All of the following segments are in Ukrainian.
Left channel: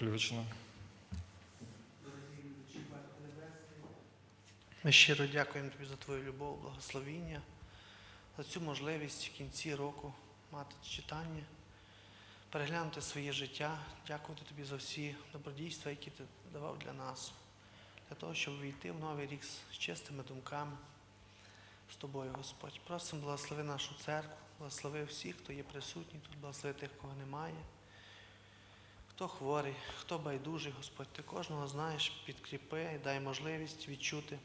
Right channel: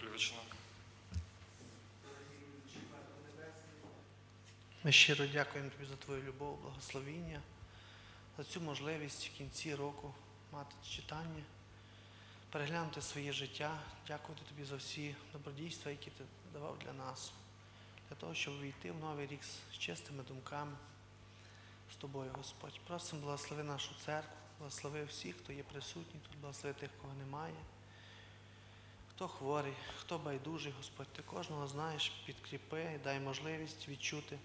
включено. Ми щиро дякуємо тобі за твою любов, благословіння, за цю можливість в кінці року мати читання, переглянути своє життя, дякувати тобі за всі добродійства, які ти давав для нас, для того, щоб війти в новий рік з чистими думками з тобою, Господь. Просимо, благослови нашу церкву, благослови всіх, хто є присутній тут, благослови тих, кого немає. Хто хворий, хто байдужий, Господь, ти кожного знаєш, підкріпи і дай можливість відчути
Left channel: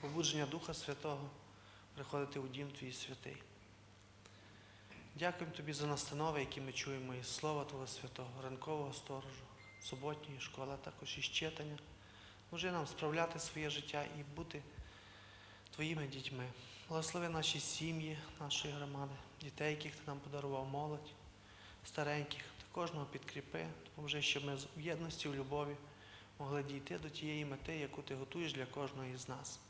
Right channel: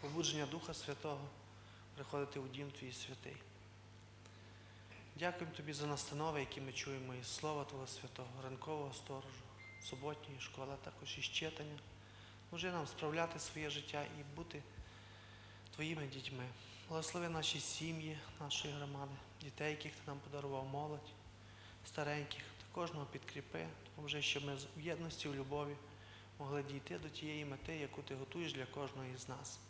побудження Духа Святого, приходити у дім Твій святий. Дякуємо Тобі за настанови, які ми чуємо із Слова Твого Святого, ранкового сторожу, суботньої школи, а також із читання. Може нам справляти своє життя і бути Твоїми дітьми. Благослови наші сім'ї, нашої громади, дітей, яких ти нам подарував молодь, стареньких, та кожного підкріпи, допоможи, щоб ми в єдності, в любові могли дійти до тієї мети, яку ти готуєш для кожного із нас.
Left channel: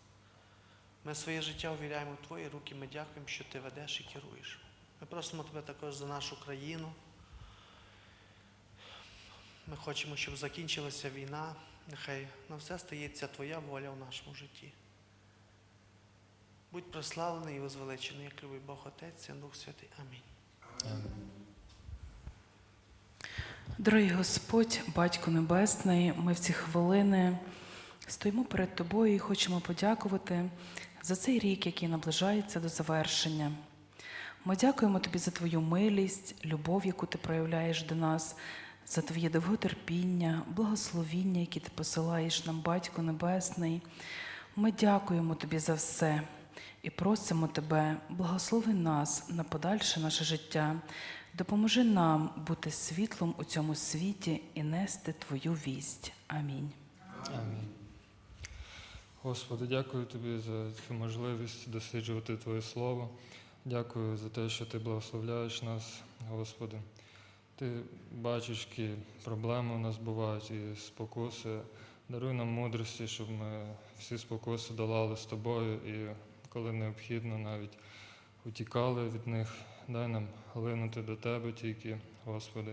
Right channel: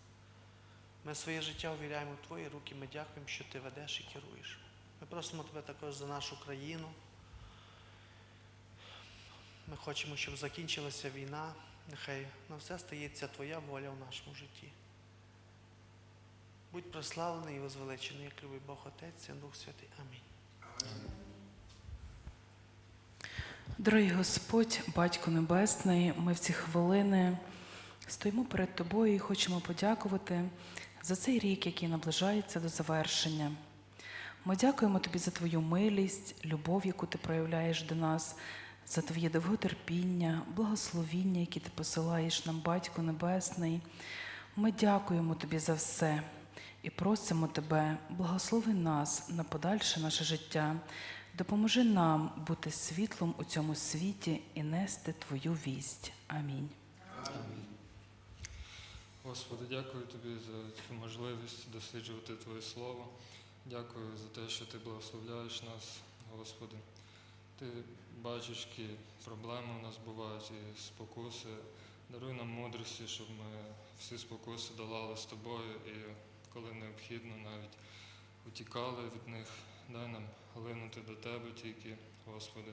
Ми своє життя увіряємо в Твої руки, ми дякуємо, що Ти ведеш і керуєш. Ми просимо Тебе також за нашу країну. Ми хочемо, щоб закінчилася війна. Нехай на все стається Твоя воля в нашому житті. Будь прославлений і возвеличений, як любий Бог Отець, Син Дух Святий. Амінь. Дорогий Господь, Батько Небесний, ми в ці хвилини стоїмо перед Тобою і хочемо подякувати за цей рік, який наближається до завершення. Ми дякуємо Тобі за Твою милість, любов, яку ти проявляєш до нас, за Твоє довготерпіння, благословіння, які ти посилаєш нам, Батько Небесний. Ми дякуємо Тобі за все і просимо Тебе, благослови нас на подальше наше життя. Допоможи нам бути світлом у цьому світі і нести Твою вість. Амінь. Господи, дякую тобі за цю можливість досліджувати Твоє Слово. Дякую за те, що Ти благословляєш нас, Господи. Ти бачиш, які проблеми у нас бувають і спокуси. Даруй нам мудрості, щоб ми всі спокуси долали з тобою і коли необхідно, навіть утікали від них. Дай нам глинути до Тебе тільки, Господи.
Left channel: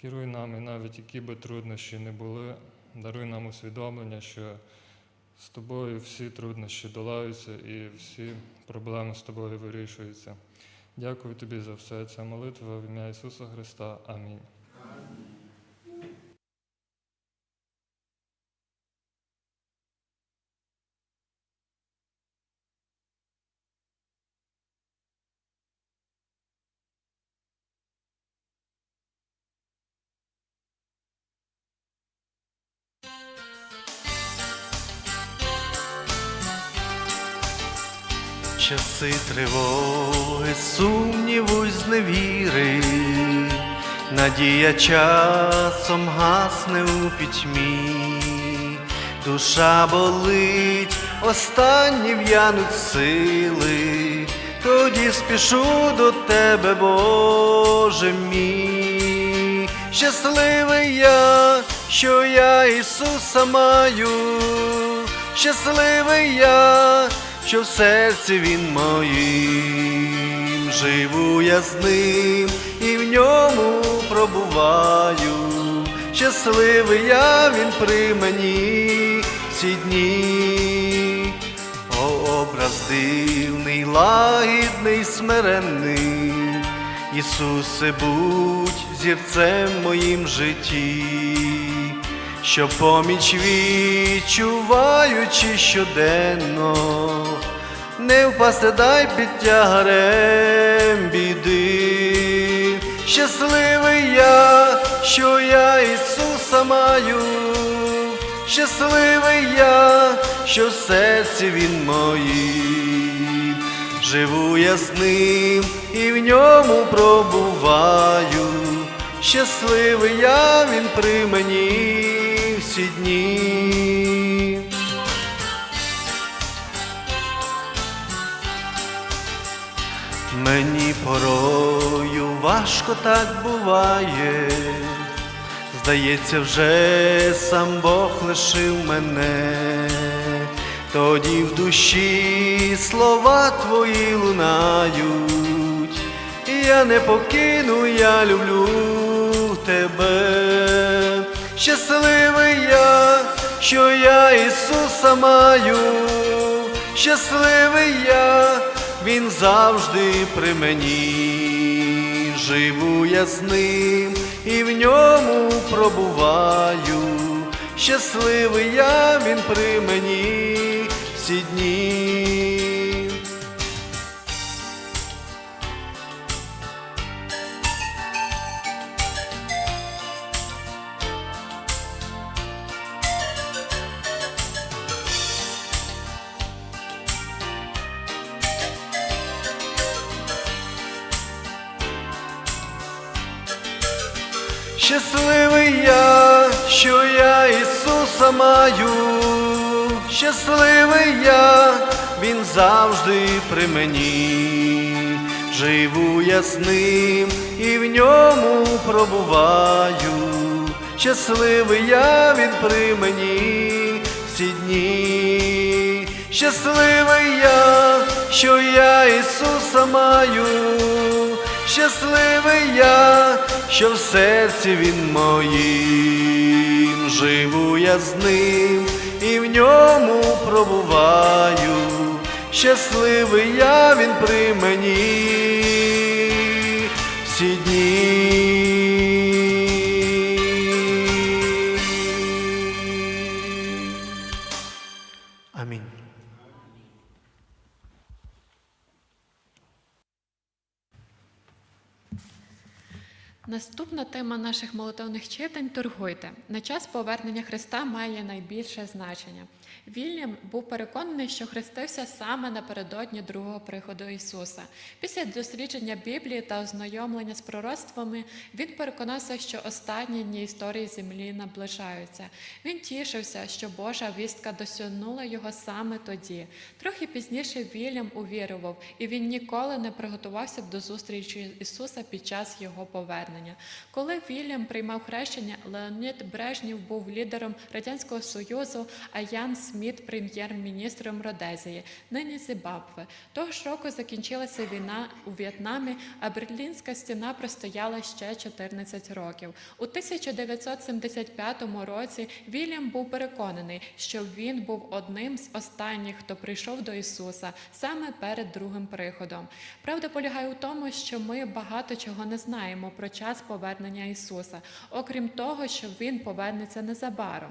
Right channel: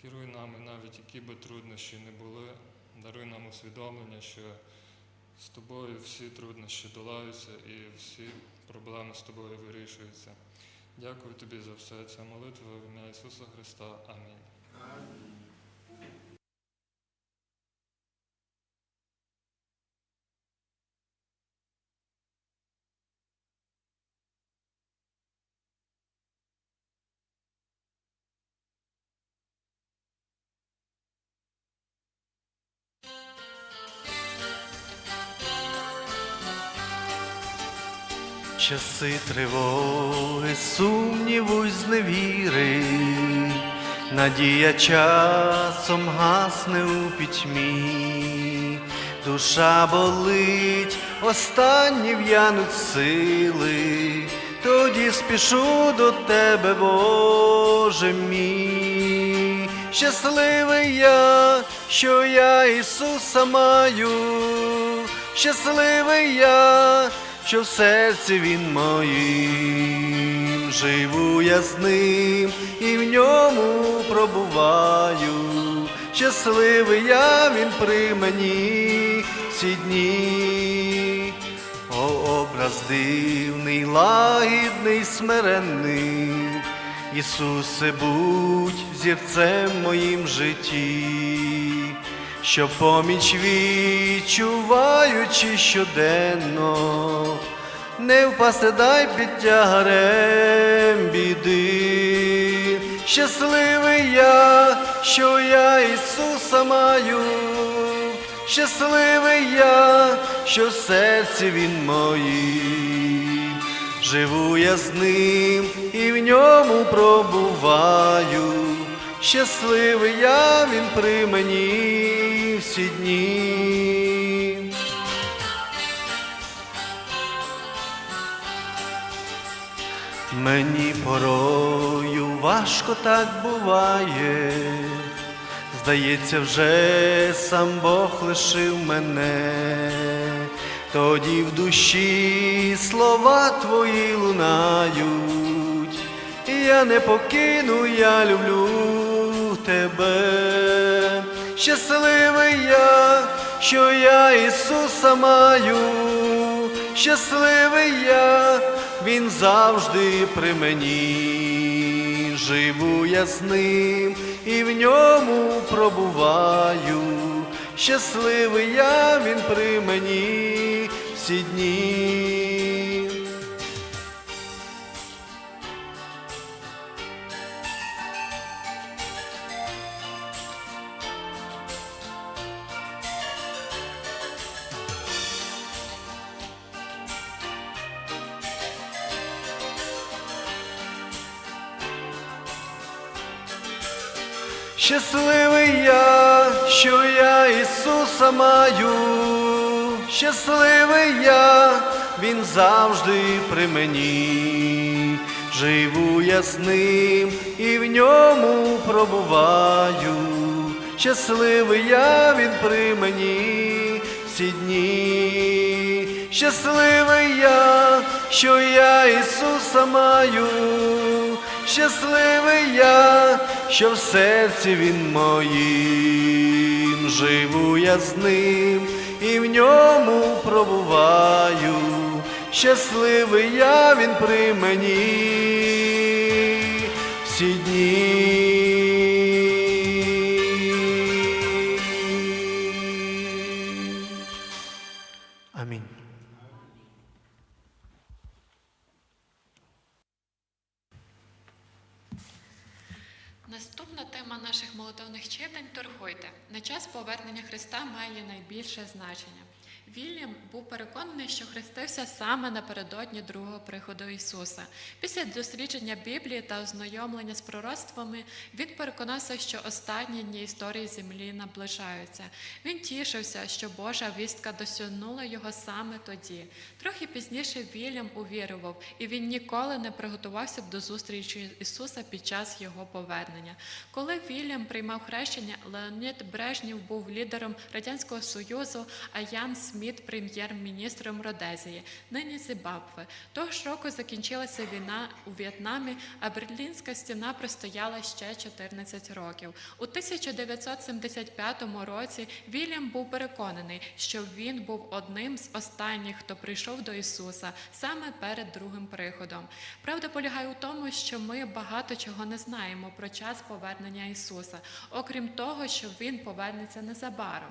Керуй нами, навіть які би труднощі не були. Даруй нам усвідомлення, що з тобою всі труднощі долаються і всі проблеми з тобою вирішуються. Дякую тобі за все. Це молитва в ім'я Ісуса Христа. Амінь. Часи тривоги, сумніву й зневіри, надія часом гасне у пітьмі, душа болить, останні в'януть сили, тоді спішу до тебе, Боже мій. Щасливий я, що я Ісуса маю, щасливий я, що в серці він моїм, живу я з ним і в ньому пробуваю. Щасливий я він при мені всі дні. О, образ дивний, лагідний, смиренний, Ісусе, будь зірцем моїм житті, що поміч відчуваючи щоденно, не впасти дай під тягарем біди. Щасливий я, що я Ісуса маю, щасливий я, що в серці Він моїм. Живу я з ним і в ньому пробуваю. Щасливий я він при мені всі дні. Мені порою важко так буває, здається, вже сам Бог лишив мене, тоді в душі слова твої лунають, я не покину, я люблю тебе, щасливий я, що я Ісуса маю, щасливий я, Він завжди при мені, живу я з ним і в ньому пробуваю. Щасливий я, він при мені всі дні. Щасливий я, що я Ісуса маю, щасливий я, Він завжди при мені, живу я з ним і в ньому пробуваю. Щасливий я, він при мені всі дні, щасливий я, що я Ісуса маю, щасливий я, що в серці він моїм, живу я з ним і в ньому пробуваю. Щасливий я, він при мені всі дні. Тема наших молитовних читань торгуйте. На час повернення Христа має найбільше значення. Вільям був переконаний, що хрестився саме напередодні другого приходу Ісуса. Після дослідження Біблії та ознайомлення з пророцтвами він переконався, що останні дні історії землі наближаються. Він тішився, що Божа вістка досягнула його саме тоді. Трохи пізніше Вільям увірував, і він ніколи не приготувався до зустрічі Ісуса під час його повернення. Коли Вільям приймав хрещення, Леонід Брежнєв був лідером Радянського Союзу, а Ян Сміт прем'єр-міністром Родезії, нині Зімбабве. Того ж року закінчилася війна у В'єтнамі, а Берлінська стіна простояла ще 14 років. У 1975 році Вільям був переконаний, що він був одним з останніх, хто прийшов до Ісуса саме перед другим приходом. Правда полягає у тому, що ми багато чого не знаємо про час повернення Ісуса, окрім того, що Він повернеться незабаром.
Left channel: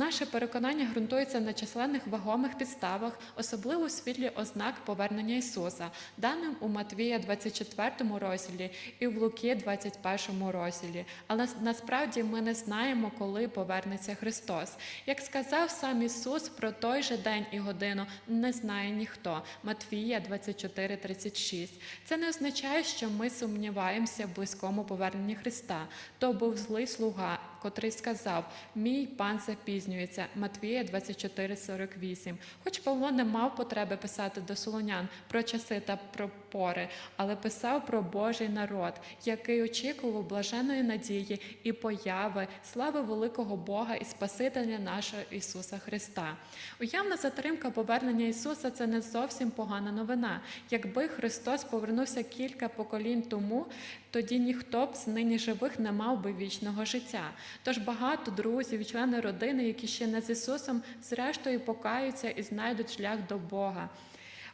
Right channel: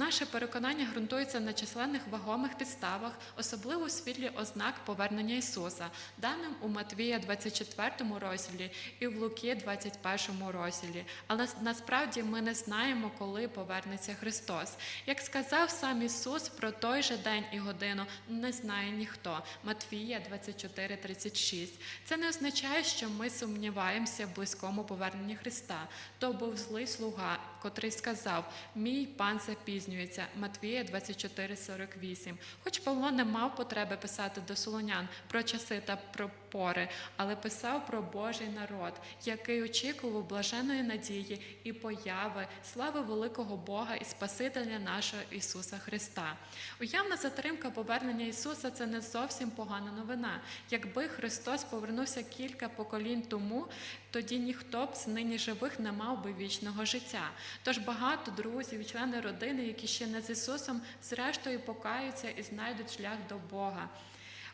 Наше переконання ґрунтується на численних вагомих підставах, особливо у світлі ознак повернення Ісуса, даним у Матвія 24 розділі і в Луки 21 розділі. Але насправді ми не знаємо, коли повернеться Христос. Як сказав сам Ісус про той же день і годину, не знає ніхто. Матвія 24:36. Це не означає, що ми сумніваємося в близькому поверненні Христа. То був злий слуга, котрий сказав: Мій пан запізнюється. Матвія 24:48. Хоч Павло не мав потреби писати до солонян про часи та про пори, але писав про Божий народ, який очікував блаженої надії і появи, слави великого Бога і Спасителя нашого Ісуса Христа. Уявна затримка повернення Ісуса це не зовсім погана новина. Якби Христос повернувся кілька поколінь тому, тоді ніхто б з нині живих не мав би вічного життя. Тож багато друзів, члени родини, які ще не з Ісусом, зрештою покаються і знайдуть шлях до Бога.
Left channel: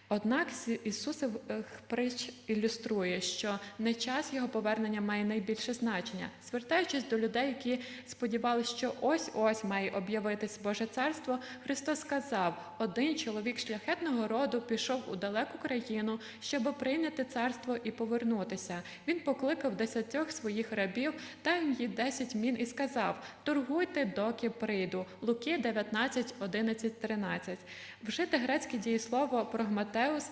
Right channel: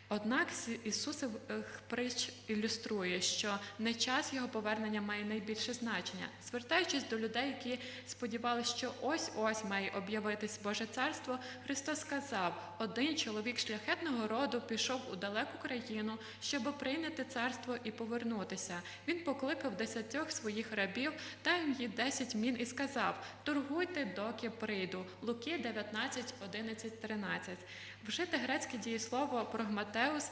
Однак з Ісусов притч ілюструє, що не час його повернення має найбільше значення. Звертаючись до людей, які сподівалися, що ось-ось має об'явитись Боже царство, Христос сказав: один чоловік шляхетного роду пішов у далеку країну, щоб прийняти царство і повернутися. Він покликав десятьох своїх рабів, дав їм десять мін і сказав: Торгуйте, доки прийду. Луки 19, 11, 13. Вжити грецьке дієслово прогматеус,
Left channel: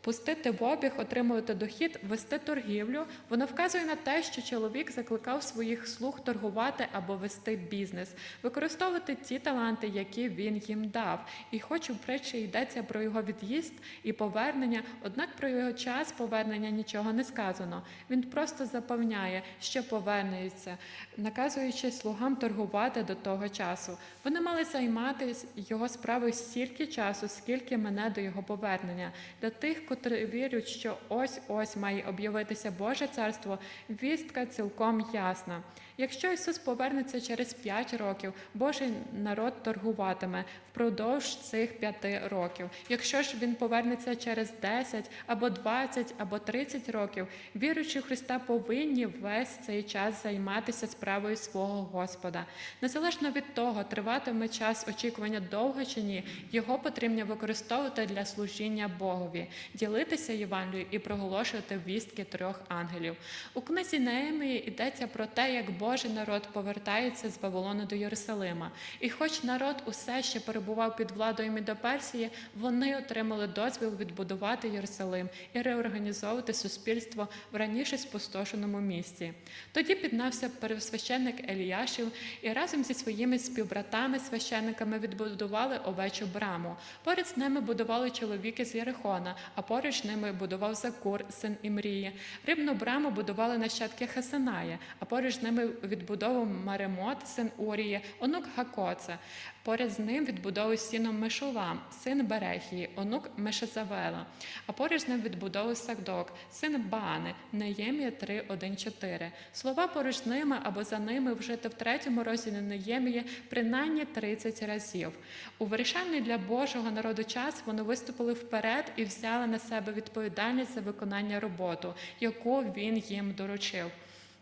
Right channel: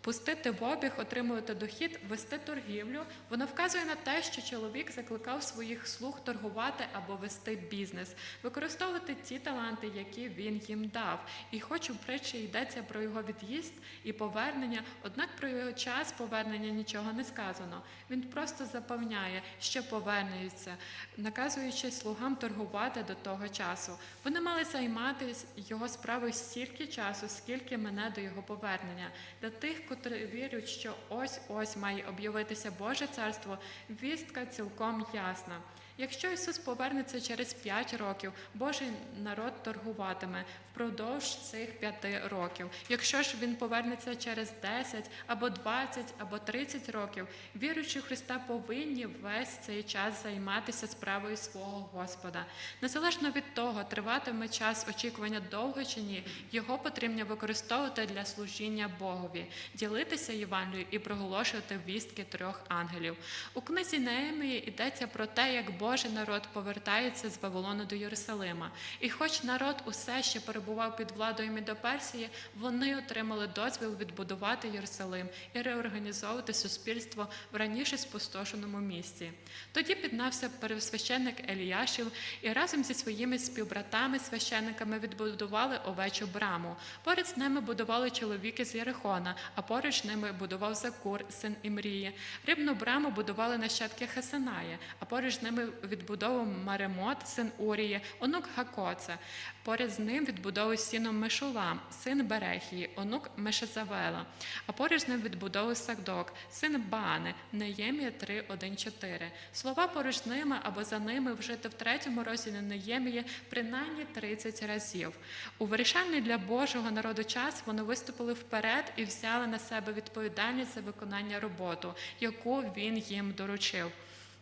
пустити в обіг, отримувати дохід, вести торгівлю. Воно вказує на те, що чоловік закликав своїх слуг торгувати або вести бізнес, використовувати ті таланти, які він їм дав. І хоч у притчі йдеться про його від'їзд і повернення, однак про його час повернення нічого не сказано. Він просто запевняє, що повернеться, наказуючи слугам торгувати до того часу. Вони мали займатися його справою стільки часу, скільки мене до його повернення. Для тих, котрі вірять, що ось ось має об'явитися Боже царство, вістка цілком ясна. Якщо Ісус повернеться через 5 років, Божий народ торгуватиме впродовж цих 5 років. Якщо ж він повернеться через 10 або 20 або 30 років, віруючи Христа повинні весь цей час займатися справою свого Господа. Незалежно від того, триватиме час очікування довго чи ні, його потрібно використовувати для служіння Богові, ділитися Євангелією і проголошувати вістки трьох ангелів. У книзі Неемії йдеться про те, як Божий народ повертається з Вавилону до Єрусалима. І хоч народ усе ще перебував під владою Мідоперсії, вони отримали дозвіл відбудувати Єрусалим і реорганізовувати суспільство в раніше спустошеному місті. Тоді піднався первосвященник Еліяшів і разом зі своїми співбратами священниками відбудували овечу браму. Поряд з ними будували чоловіки з Єрихона, а поруч з ними будував Закур, син Імрії. Рибну браму будували нащадки Хасаная, а поруч з ними відбудовував Маремот, син Урії, онук Гакоце. Поряд з ним відбудовував стіну Мешулам, син Берехії, онук Мешезавела. А поруч з ним відбудовував Сагдок, син Баани, Неємія 3, 1, 4. Слова поруч з ними або за ними вжити в третьому розділі Неємії принаймні 30 разів. У вирішальний для Божого народу час вони виступили вперед і взяли на себе відповідальність за виконання роботи, яку він їм доручив.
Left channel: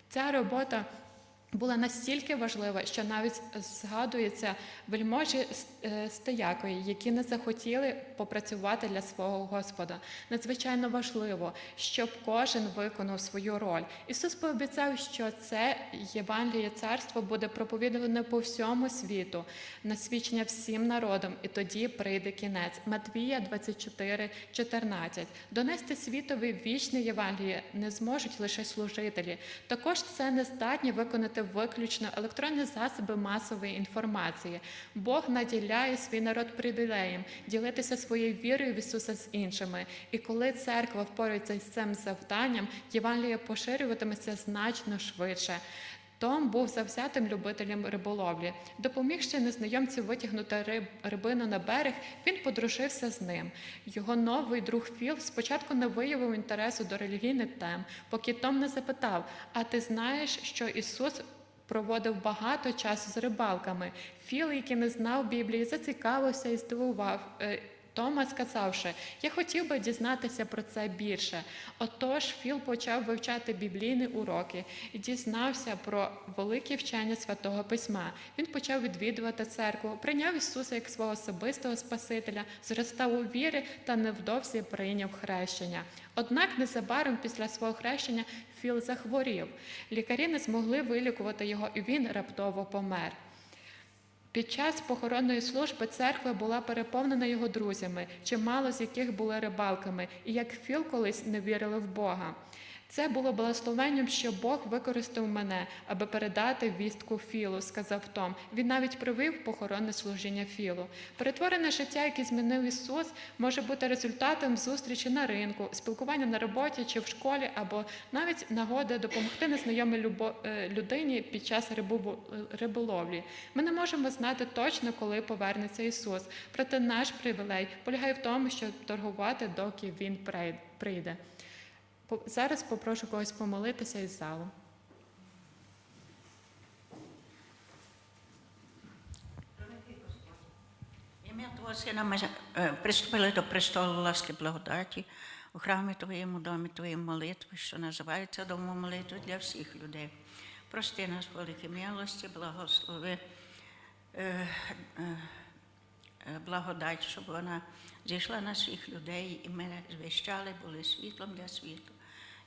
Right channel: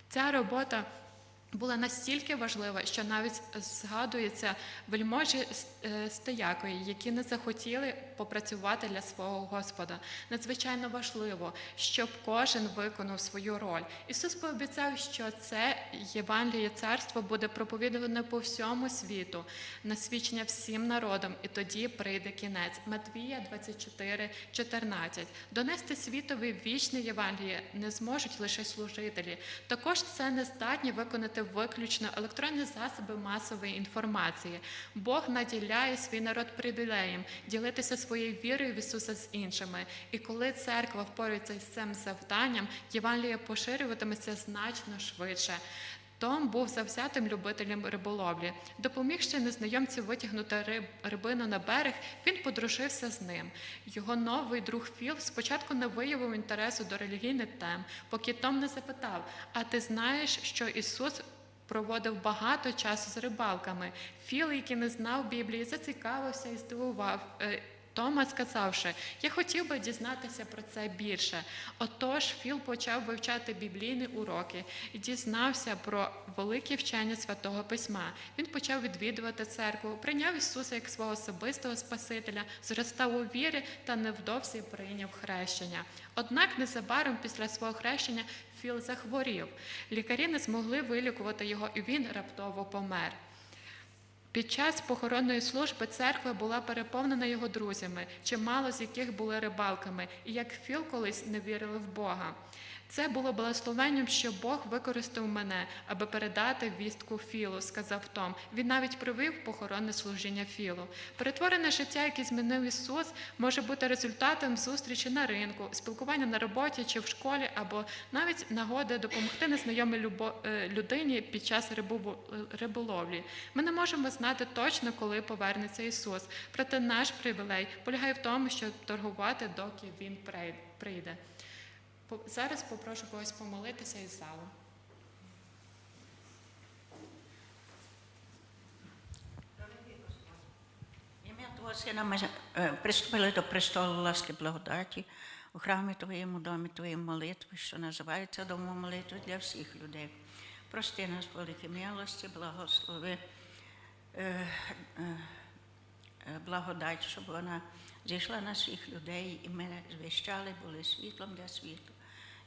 Ця робота була настільки важлива, що навіть згадується вельможі е, Стоякові, які не захотіли попрацювати для свого Господа. Надзвичайно важливо, щоб кожен виконав свою роль. Ісус пообіцяв, що це Євангеліє царство буде проповідуване по всьому світу, на свідчення всім народам, і тоді прийде кінець. Матвія 24, 14. Донести світові вічне Євангеліє не зможуть лише служителі. Також це не здатні виконати виключно електронні засоби масової інформації. Бог наділяє свій народ привілеєм ділитися своєю вірою в Ісуса з іншими. І коли церква впорається з цим завданням, Євангелія поширюватиметься значно швидше. Том був завзятим любителем риболовлі. Допомігши незнайомцю витягнути риб, рибину на берег, він подружився з ним. Його новий друг Філ спочатку не виявив інтересу до релігійних тем, поки Том не запитав: А ти знаєш, що Ісус проводив багато часу з рибалками? Філ, який не знав Біблії, зацікавився і здивував. Тома сказавши, я хотів би дізнатися про це більше. Отож, Філ почав вивчати біблійні уроки і дізнався про великі вчення святого письма. Він почав відвідувати церкву, прийняв Ісуса як свого особистого Спасителя, зростав у вірі та невдовзі прийняв хрещення. Однак незабаром після свого хрещення Філ захворів. Лікарі не змогли вилікувати його, і він раптово помер. Під час похоронної служби церква була переповнена його друзями, чимало з яких були рибалками, і як Філ колись не вірили в Бога. Це було благословенням, що Бог використав мене, аби передати вістку Філу, сказав Том. Він навіть привив похоронне служіння Філу. Перетворене життя, яке змінив Ісус, може бути результатом зустрічі на ринку, спілкування на роботі чи в школі, або навіть нагоди допомогти незнайомій е, людині під час рибу- риболовлі. Ми не можемо знати точно, коли повернеться Ісус. Проте наш привілей полягає в тому, щоб торгувати, доки Він прийде. Зараз попрошу когось помолитися із залу. Ім'я Твого Сина ми е, приступили до престолу ласки благодаті у храмі Твоєму домі Твоєї молитви, що називається домом молитви для всіх людей. Прости нас, великі милості, благослови е, е, благодать, щоб вона зійшла на всіх людей, і ми звіщали, були світлом для світу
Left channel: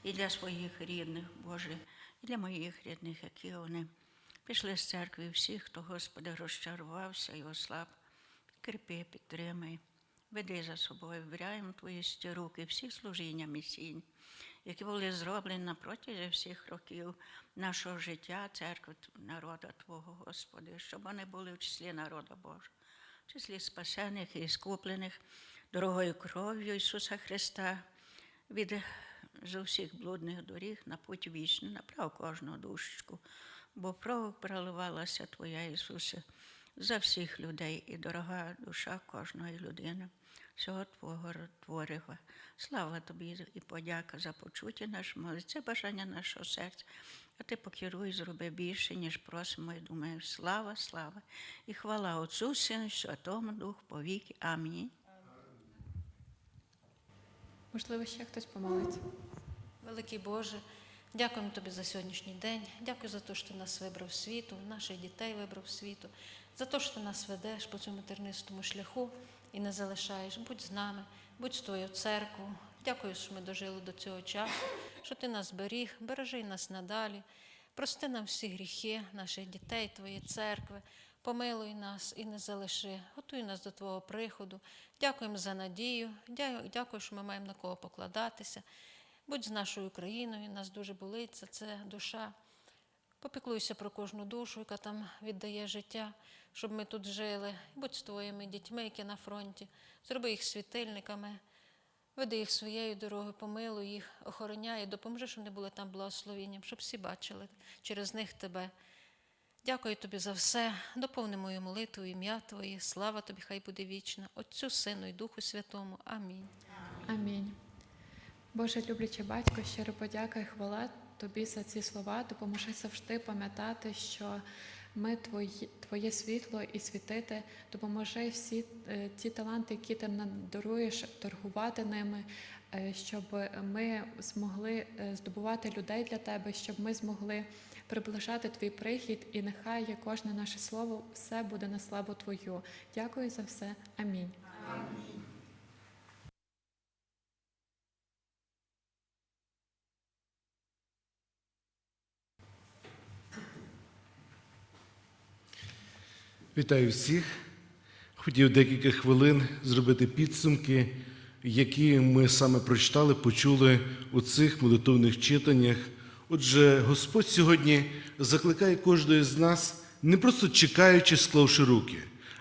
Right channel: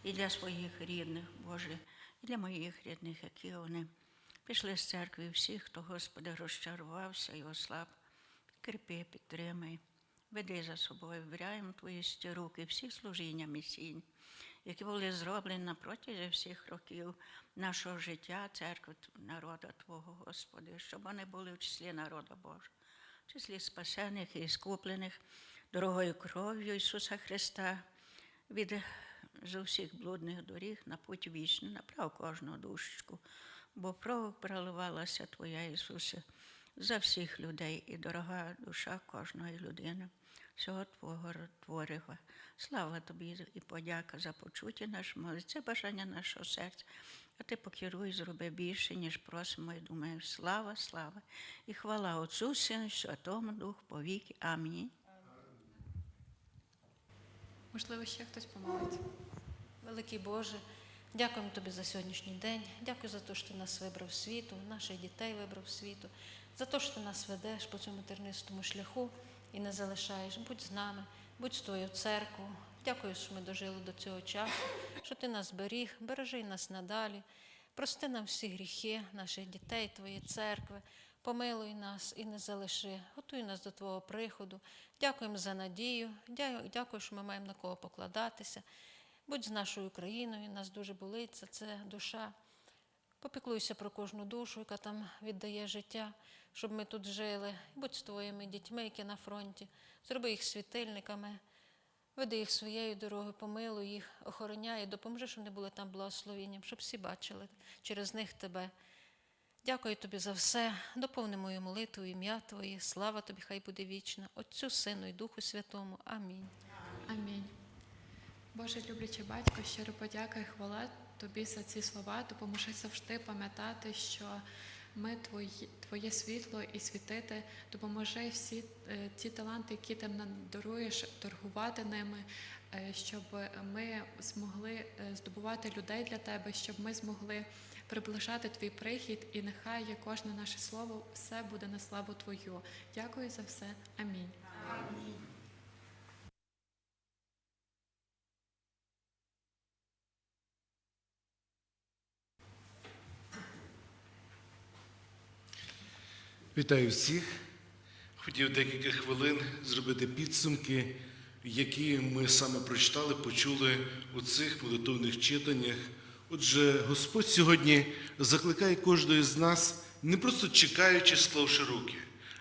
і для своїх рідних, Боже, і для моїх рідних, які вони пішли з церкви, всіх, хто, Господи, розчарувався і ослаб. Підкріпи, підтримай, веди за собою, ввіряємо твої руки, всі служіння місійні, які були зроблені протязі всіх років нашого життя, церкви народу Твого, Господи, щоб вони були в числі народу Божого, в числі спасених і скуплених дорогою кров'ю Ісуса Христа від з усіх блудних доріг на путь вічний, направ кожну душечку, бо кров проливалася Твоя, Ісусе, за всіх людей і дорога душа кожної людини. всього Твого творива. Слава Тобі і подяка за почуття нашого молитви, це бажання нашого серця. А ти покеруй, зроби більше, ніж просимо і думаємо. Слава, слава і хвала Отцу, Сину, Святому Духу, повіки. Амінь. Можливо, ще хтось помолиться. Великий Боже, дякуємо Тобі за сьогоднішній день. Дякую за те, що ти нас вибрав світу, наших дітей вибрав світу, за те, що ти нас ведеш по цьому тернистому шляху і не залишаєш. Будь з нами, будь з твоєю церквою. Дякую, що ми дожили до цього часу, що ти нас беріг, бережи нас надалі. Прости нам всі гріхи, наших дітей, Твоєї церкви. Помилуй нас і не залиши, готуй нас до Твого приходу. Дякуємо за надію. Дякую, що ми маємо на кого покладатися. Будь з нашою країною, нас дуже болить за це душа. Попіклуйся про кожну душу, яка там віддає життя, щоб ми тут жили. Будь з твоїми дітьми, які на фронті. Зроби їх світильниками, веди їх своєю дорогою, помилуй їх, охороняй, допоможи, щоб вони були там благословенням, щоб всі бачили через них тебе. Дякую тобі за все. Доповни мою молитву, ім'я Твоє. Слава тобі, хай буде вічна. Отцю, Сину і Духу Святому. Амінь. Амінь. Боже, люблячий батько, щиро подяка і хвала тобі за ці слова. Допоможи завжди пам'ятати, що ми твої, твоє світло і світити. Допоможи всі е, ті таланти, які ти нам даруєш, торгувати ними, е, щоб ми змогли е, здобувати людей для тебе, щоб ми змогли приближати твій прихід, і нехай є кожне наше слово, все буде на славу Твою. Дякую за все. Амінь. Вітаю всіх. Хотів декілька хвилин зробити підсумки, які ми саме прочитали, почули у цих молитовних читаннях. Отже, Господь сьогодні закликає кожного з нас, не просто чекаючи, склавши руки,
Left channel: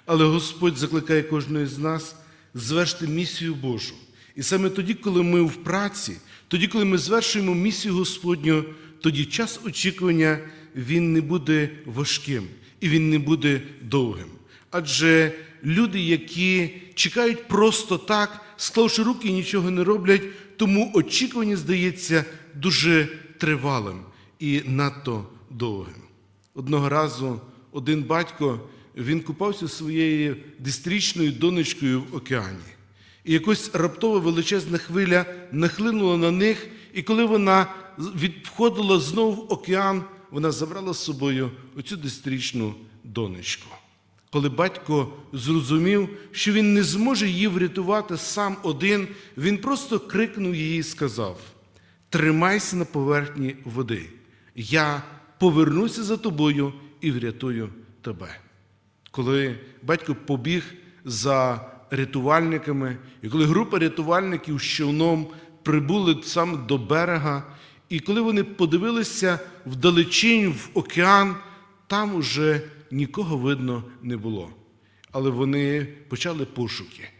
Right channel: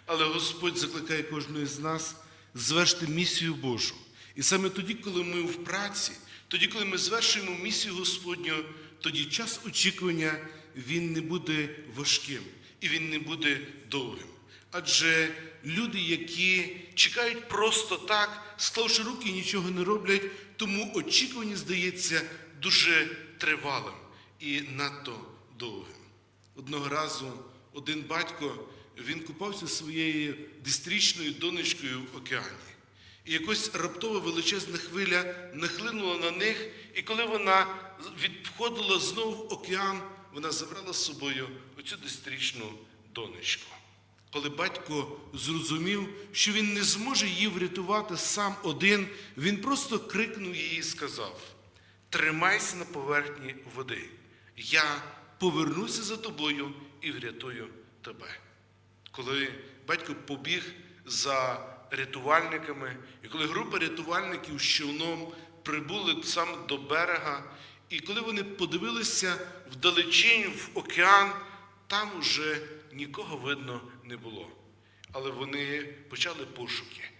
але Господь закликає кожного з нас звершити місію Божу. І саме тоді, коли ми в праці, тоді, коли ми звершуємо місію Господню, тоді час очікування він не буде важким і він не буде довгим. Адже люди, які чекають просто так, склавши руки і нічого не роблять, тому очікування здається дуже тривалим і надто довгим. Одного разу один батько він купався своєю десятирічною донечкою в океані. І якось раптово величезна хвиля нахлинула на них, і коли вона відходила знову в океан, вона забрала з собою оцю десятирічну донечку. Коли батько зрозумів, що він не зможе її врятувати сам один, він просто крикнув їй і сказав: Тримайся на поверхні води, я повернуся за тобою і врятую тебе. Коли батько побіг за рятувальниками, і коли група рятувальників з човном прибули саме до берега, і коли вони подивилися вдалечінь в океан, там уже нікого видно не було. Але вони почали пошуки.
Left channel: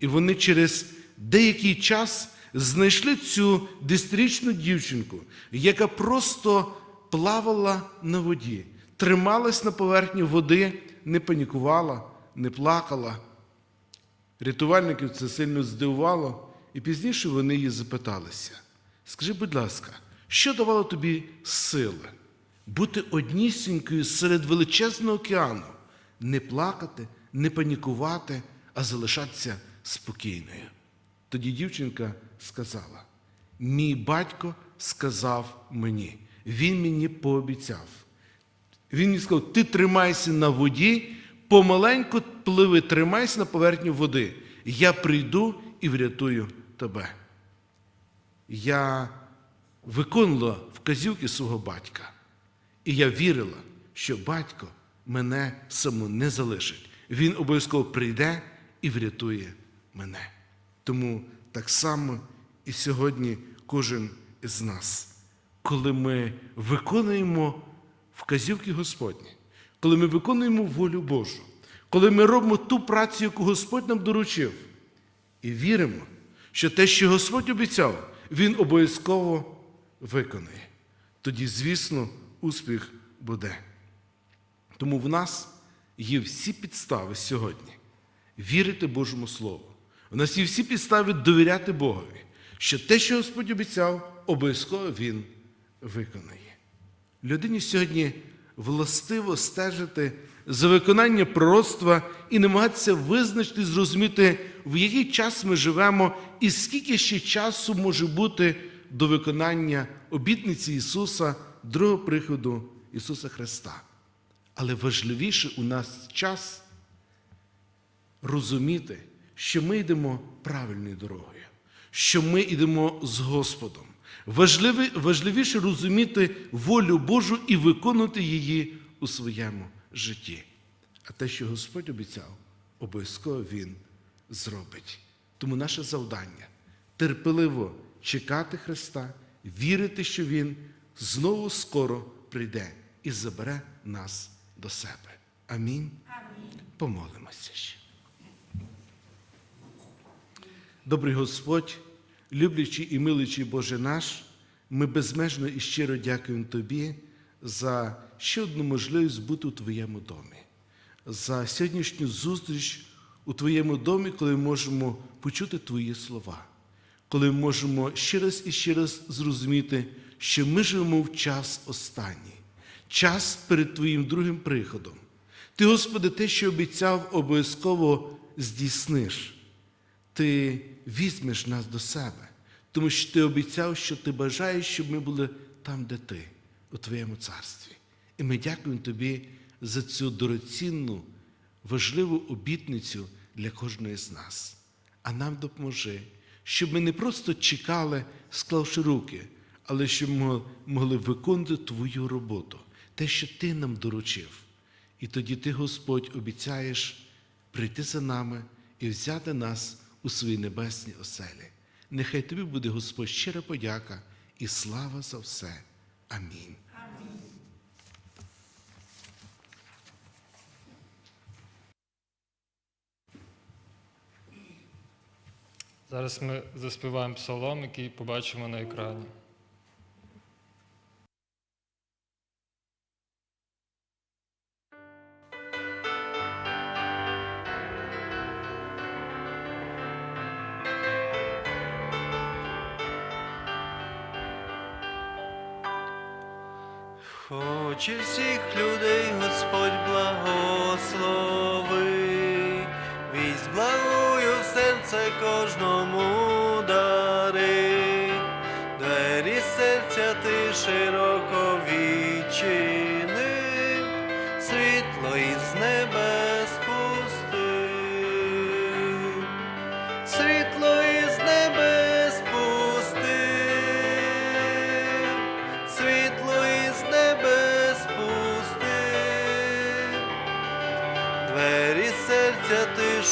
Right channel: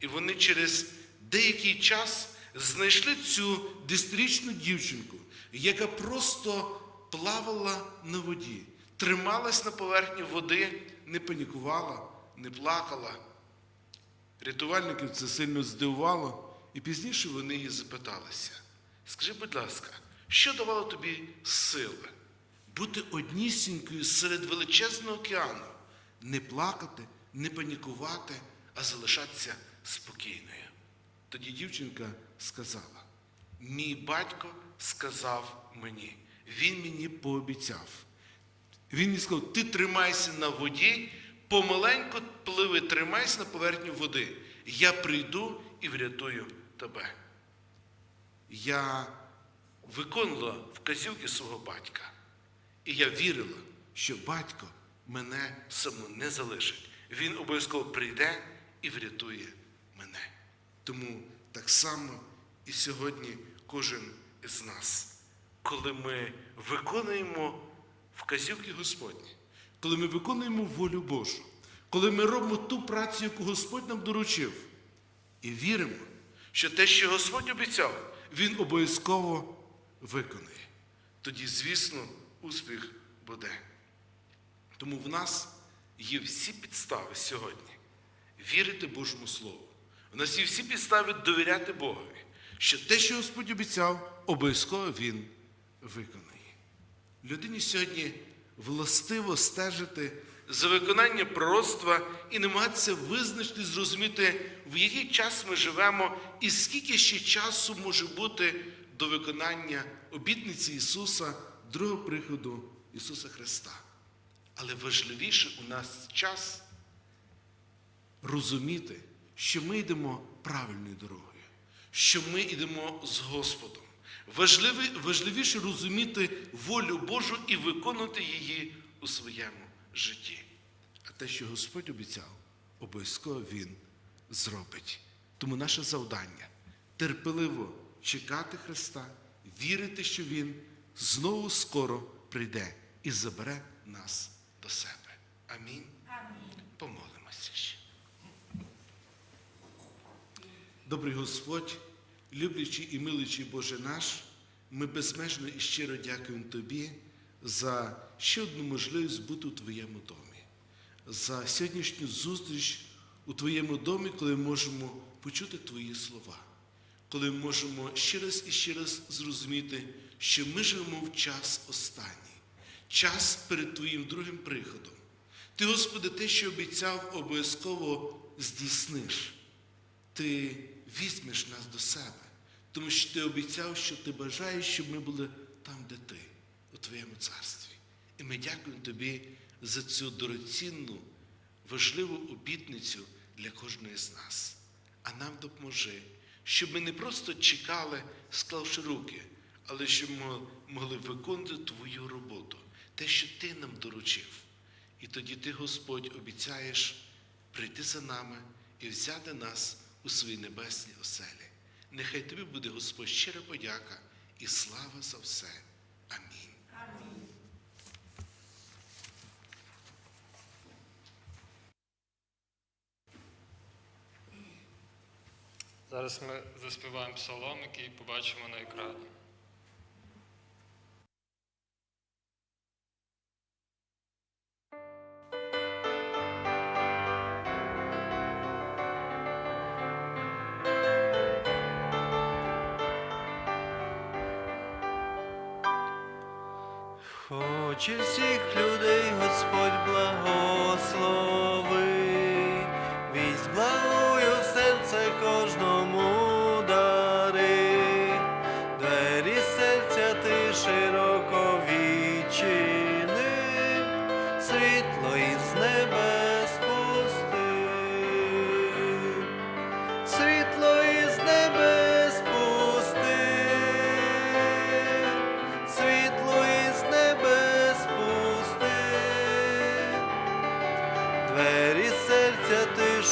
І вони через деякий час знайшли цю десятирічну дівчинку, яка просто плавала на воді, трималась на поверхні води, не панікувала, не плакала. Рятувальників це сильно здивувало, і пізніше вони її запиталися. Скажи, будь ласка, що давало тобі сили бути однісінькою серед величезного океану, не плакати, не панікувати, а залишатися спокійною? Тоді дівчинка сказала: мій батько сказав мені, він мені пообіцяв. Він мені сказав, ти тримайся на воді, помаленьку пливи, тримайся на поверхні води. Я прийду і врятую тебе. Я виконувала вказівки свого батька. І я вірила, що батько мене саму не залишить. Він обов'язково прийде і врятує мене. Тому так само і сьогодні кожен із нас, коли ми виконуємо вказівки Господні, коли ми виконуємо волю Божу, коли ми робимо ту працю, яку Господь нам доручив, і віримо, що те, що Господь обіцяв, Він обов'язково виконає. Тоді, звісно, успіх буде. Тому в нас є всі підстави сьогодні вірити Божому Слову, У нас є всі підстави довіряти Богові, що те, що Господь обіцяв, обов'язково Він виконає. Людині сьогодні властиво стежити за виконання пророцтва і намагатися визначити, зрозуміти, в який час ми живемо і скільки ще часу може бути до виконання обітниці Ісуса, другого приходу Ісуса Христа. Але важливіше у нас час розуміти, що ми йдемо правильною дорогою, що ми йдемо з Господом. Важливі, важливіше розуміти волю Божу і виконувати її у своєму житті. А те, що Господь обіцяв, обов'язково Він зробить. Тому наше завдання терпеливо чекати Христа, вірити, що Він знову скоро прийде і забере нас до себе. Амінь. Амінь. Помолимося ще. Добрий Господь, люблячий і миличий Боже наш, ми безмежно і щиро дякуємо Тобі за ще одну можливість бути у Твоєму домі, за сьогоднішню зустріч у Твоєму домі, коли ми можемо почути Твої слова, коли ми можемо ще раз і ще раз зрозуміти, що ми живемо в час останній, час перед Твоїм другим приходом. Ти, Господи, те, що обіцяв, обов'язково здійсниш ти візьмеш нас до себе, тому що ти обіцяв, що ти бажаєш, щоб ми були там, де ти, у твоєму царстві. І ми дякуємо тобі за цю дорогоцінну, важливу обітницю для кожної з нас. А нам допоможи, щоб ми не просто чекали, склавши руки, але щоб ми могли виконувати твою роботу, те, що ти нам доручив. І тоді ти, Господь, обіцяєш прийти за нами і взяти нас у свої небесні оселі. Нехай тобі буде, Господь, щира подяка і слава за все. Амінь. Зараз ми заспіваємо псалом, який побачимо на екрані.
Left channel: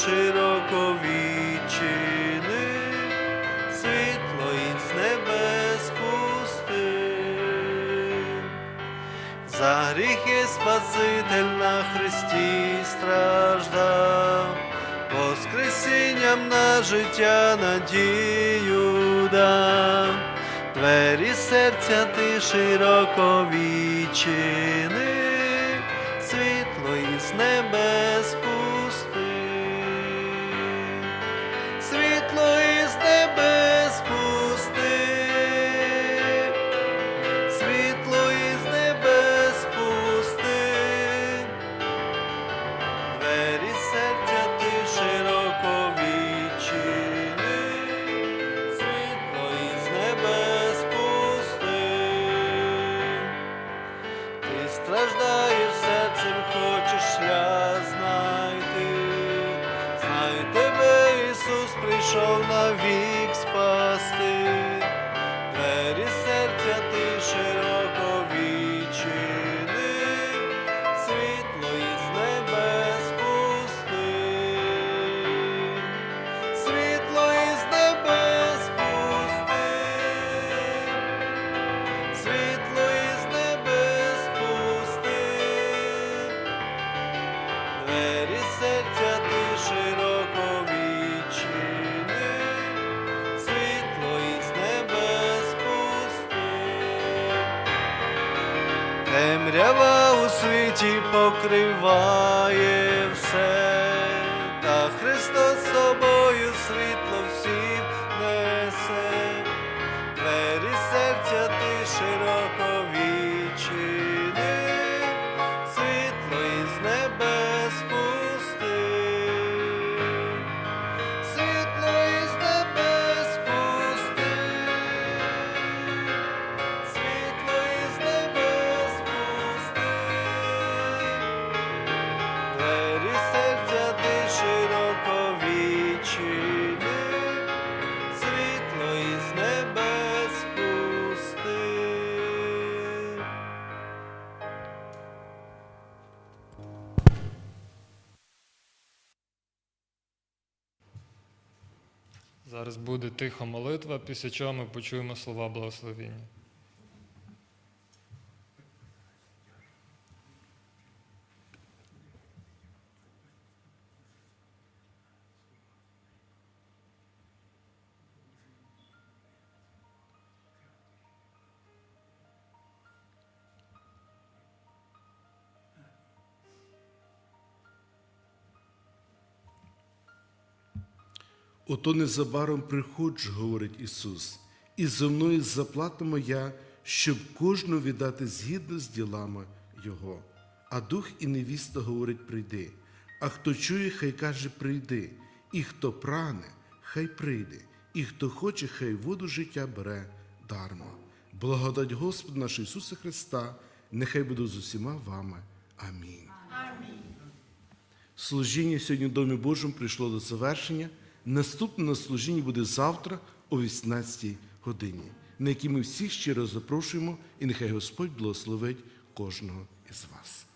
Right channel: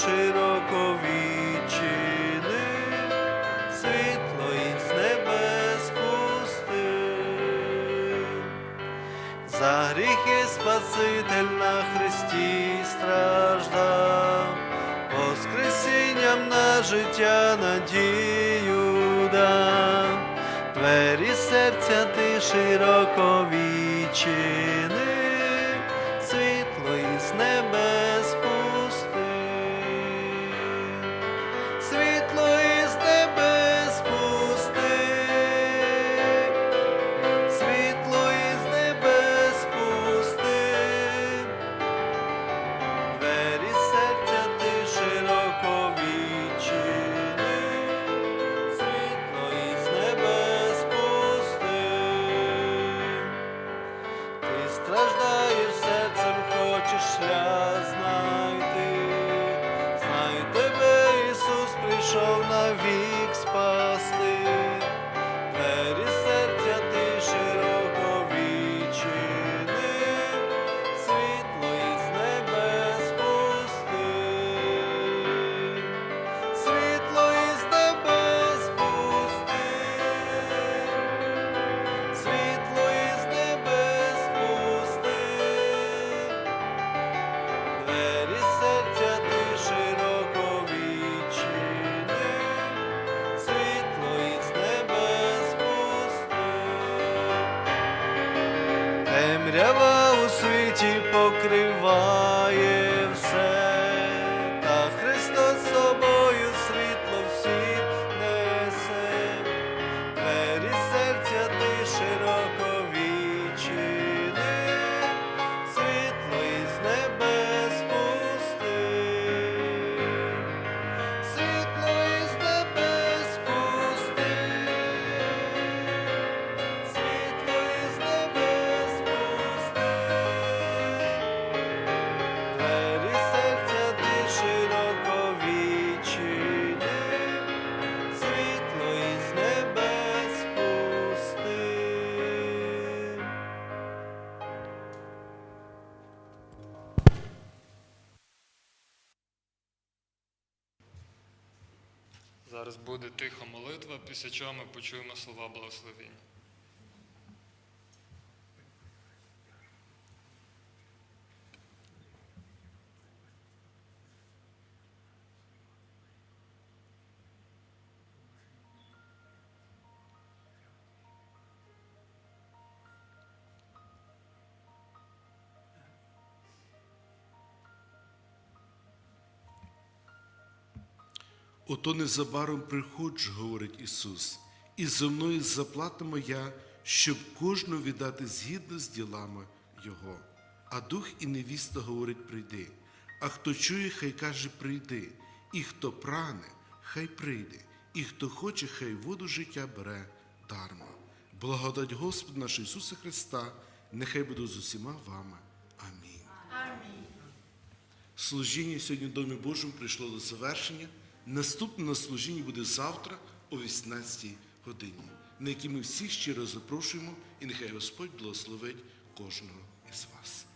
Широко відчини, світло із небес пусти. За гріхи Спаситель на Христі страждав, Воскресінням на життя надію дав, двері серця ти широко відчини, світло із небес двері серця ти широко відчини, світло із небес пусти, ти страждаєш серцем, хочеш шлях знайти, знай тебе Ісус прийшов навік спасти. Темрява у світі покриває все, та Христос собою Зараз буде тиха молитва, після чого ми почуємо слова благословіння. Ото незабаром приходжу, говорить Ісус, і зо мною заплата моя, щоб кожного віддати згідно з ділами Його. А дух і невіста говорить, прийди. А хто чує, хай каже, прийди. І хто прагне, хай прийде, і хто хоче, хай воду життя бере дарма. Благодать Господа нашого Ісуса Христа, нехай буде з усіма вами. Амінь. Служіння сьогодні в Домі Божому прийшло до завершення. Наступне на служіння буде завтра о 18 годині, на якій ми всіх щиро запрошуємо, і нехай Господь благословить кожного із вас.